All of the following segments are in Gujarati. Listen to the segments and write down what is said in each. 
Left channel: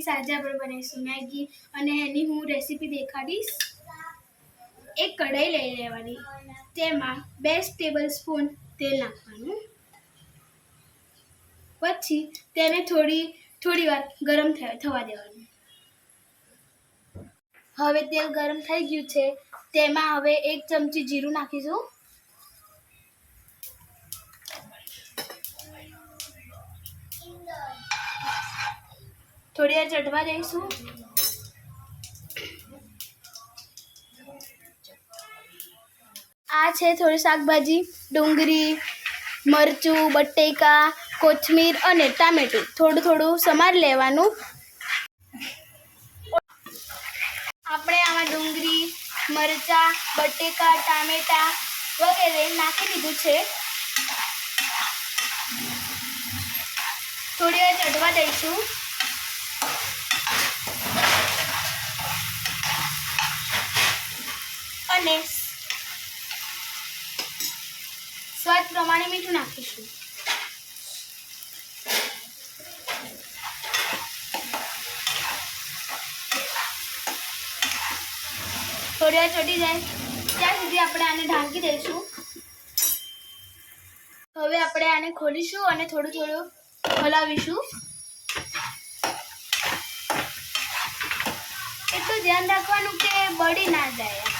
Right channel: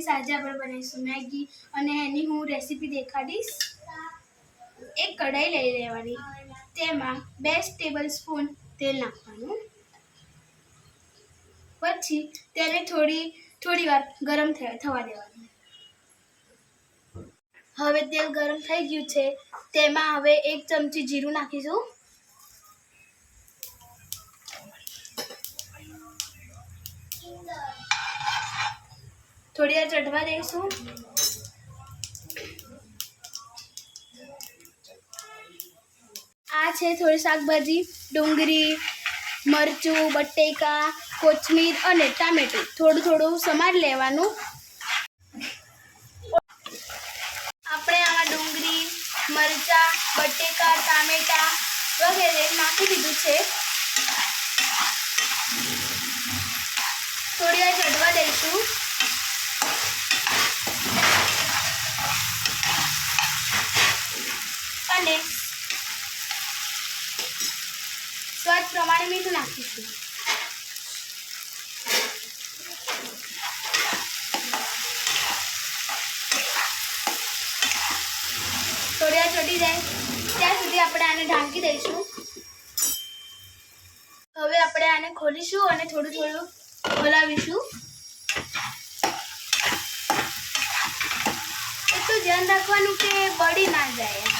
ફ્રેન્ડ્સ આજે આપણે બનાવીશું. મેગી અને એની હું રેસીપી દેખાડીશ. એક કઢાઈ લઈ લેવાની. તેમાં બે ટેબલ સ્પૂન તેલ નાખવાનું. પછી તેને થોડી થોડી વાર ગરમ થવા દેવાનું. હવે તેલ ગરમ થઈ ગયું છે. તેમાં હવે એક ચમચી જીરું નાખીશું. થોડી વાર ચડવા દઈશું. આ છે થોડી શાકભાજી, ડુંગળી, મરચું, બટેકા, કોથમીર અને ટામેટું. થોડું થોડું સમાર લેવાનું. આપણે આમાં ડુંગળી, મરચાં, બટેકા, ટામેટા વગેરે નાખી દીધું છે. થોડી વાર ચડવા દઈશું. અને સ્વાદ પ્રમાણે મીઠું નાખીશું. થોડી વાર ચડી જાય. ત્યાં સુધી આપણે આને ઢાંકી દઈશું. હવે આપણે આને ખોલીશું અને થોડું થોડું ખોલાવીશું એટલું ધ્યાન રાખવાનું કે બળી ના જાય.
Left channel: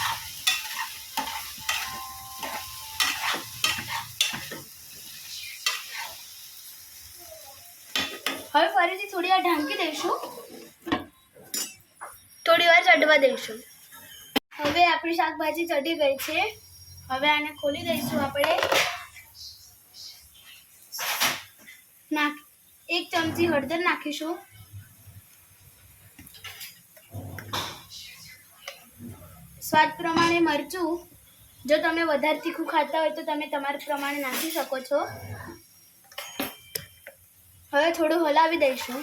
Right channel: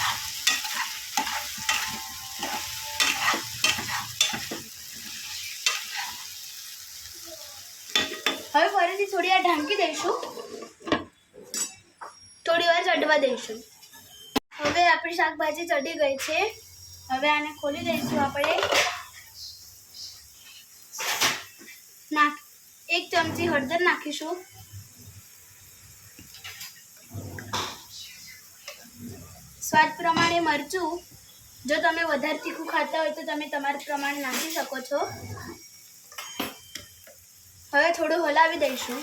હવે ફરીથી થોડી વાર ઢાંકી દઈશું. થોડી વાર ચડવા દઈશું. હવે આપણી શાકભાજી ચડી ગઈ છે. હવે આને ખોલી દઈશું આપણે. નાખ, એક ચમચી હળદર નાખીશું. સ્વાદ પ્રમાણે મરચું. જો તમે વધારે તીખું ખાતા હોય તો તમે તમારા પ્રમાણે નાખી શકો છો. હવે થોડું હલાવી દઈશું.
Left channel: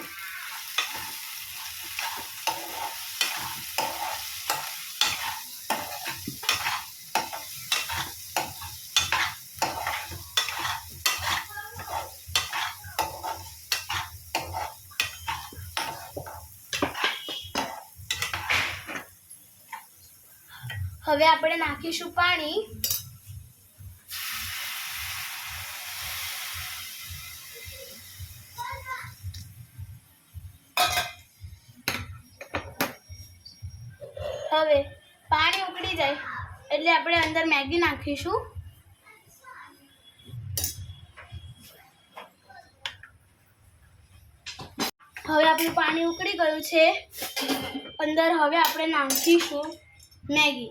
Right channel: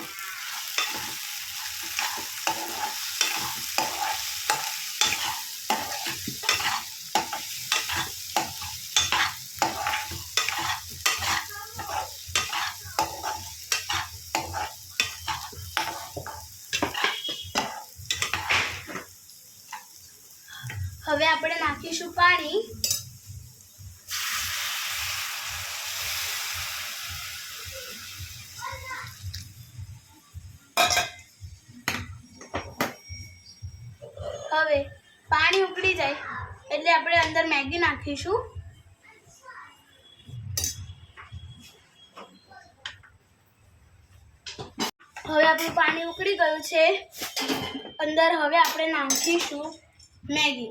હવે આપણે નાખીશું પાણી. હવે પાણી ઉકળી જાય. એટલે આપણે અંદર મેગી નાખીશું. હવે આપણું પાણી ઉકળી ગયું છે. અંદર હવે આપણે નાખીશું મેગી.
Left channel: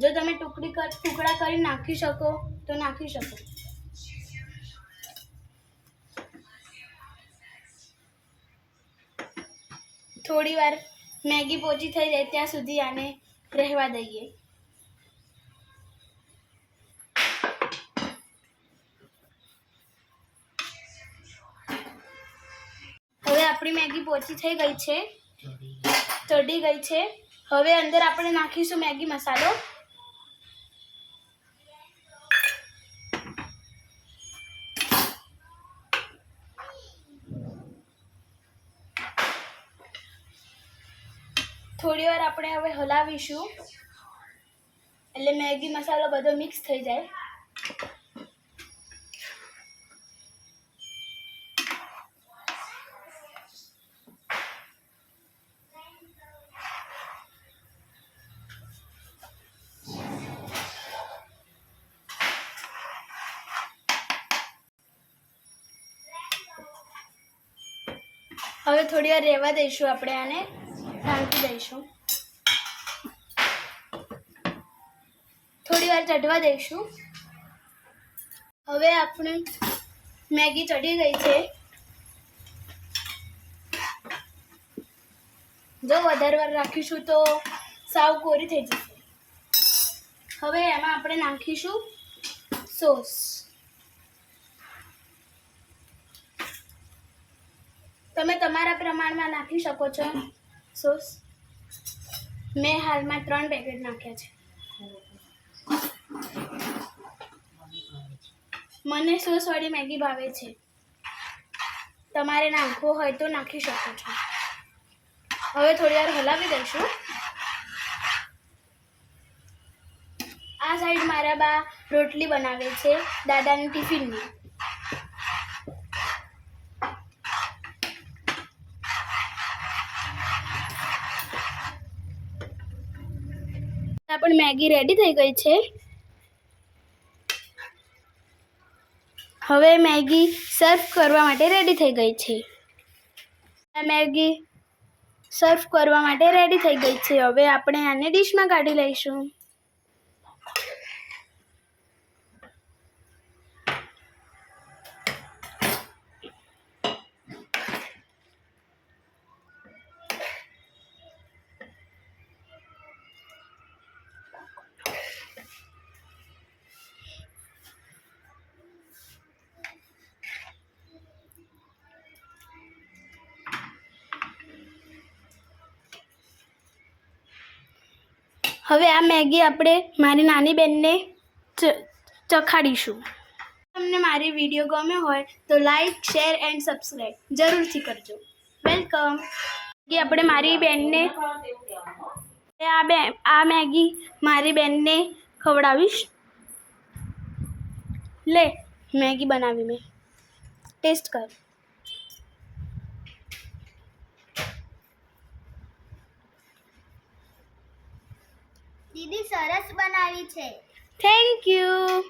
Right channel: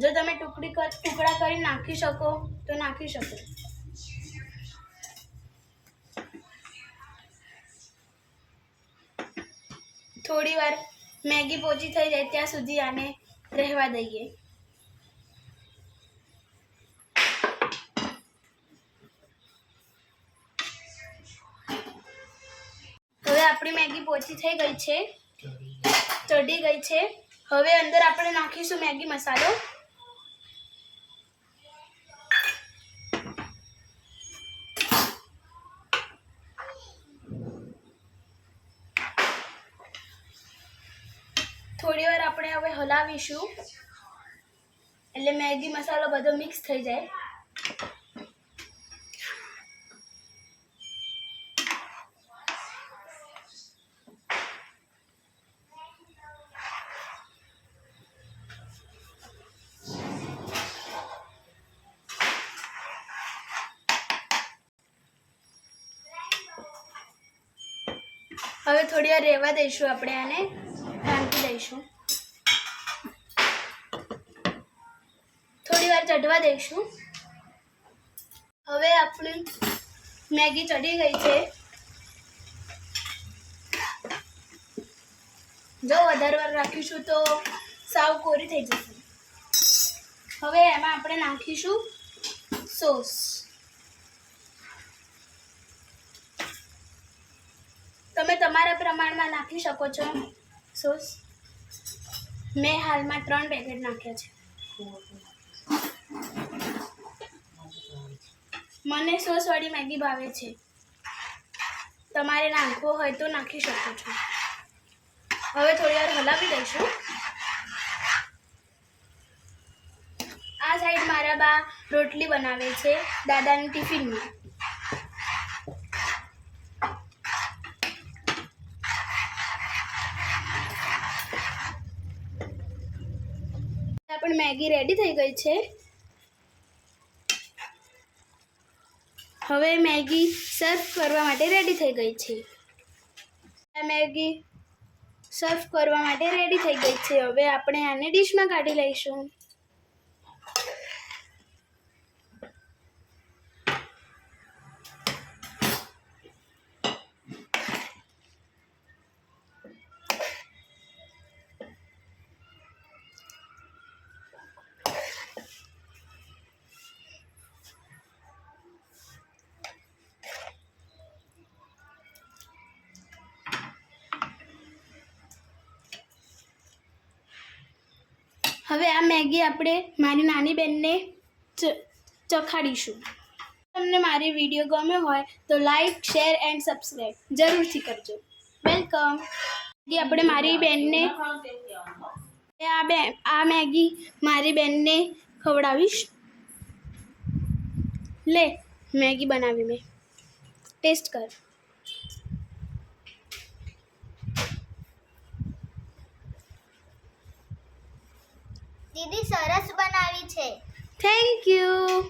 જો તમે ટુકડી ટુકડા કરી નાખી શકો, તો નાખી શકો. થોડી વાર મેગી પોચી થઈ જાય ત્યાં સુધી આને રહેવા દઈએ. હવે આપણી મેગી પોચી થઈ ગઈ છે. ચડી ગઈ છે. હવે અંદર આપણે નાખીશું મેગી મસાલો. થોડી વાર આપણે હવે હલાવીશું. એટલે મેગી મસાલો બધો મિક્સ થઈ જાય. હવે થોડી વાર રહેવા દઈશું આપણે આને. ઢાંકી દઈશું. થોડી વાર ચડવા દઈશું. હવે આપણે મેગી ચડી ગઈ છે. જો, વધારે વાર રાખીશું તો સાવ કોરી થઈ જશે. હવે એમાં આપણે નાખીશું સોસ. તમે તમારા પ્રમાણમાં નાખી શકો છો સોસ. મેં હાલમાં ત્રણ પેકેટ નાખ્યા છે. મને સોસવાળી મેગી ભાવે છે. તમારે નાખવો હોય તો નાખી શકો છો. હવે થોડી વાર હલાવી દઈશું. આ સાઈડ મારા બા રોટલી બનાવે છે દાદાની ટિફિનમાં પણ મેગી રેડી થઈ ગઈ છે. હવે મેગી સર્વ કરવા માટે રેડી થઈ ગઈ છે. મેગી સર્વ કરવા માટે રેડી થઈ ગઈ છે. હવે આપણે આને ડીશમાં કાઢી લઈશું. હવે આ મેગી આપણે મારી નાની બહેનને ચખાડીશું. તમને મારી વીડિયો ગમ્યો હોય તો લાઈક, શેર એન્ડ સબસ્ક્રાઈબ જરૂરથી કરજો. વેલકમ. મેગી આપણે મારી બેનને આ બે આ મેગી મારી બેનને ખવડાવીશ. લે, મેગી બનાવી મેં. ટેસ્ટ કર. દીદી સરસ બનાવી છે. Thank you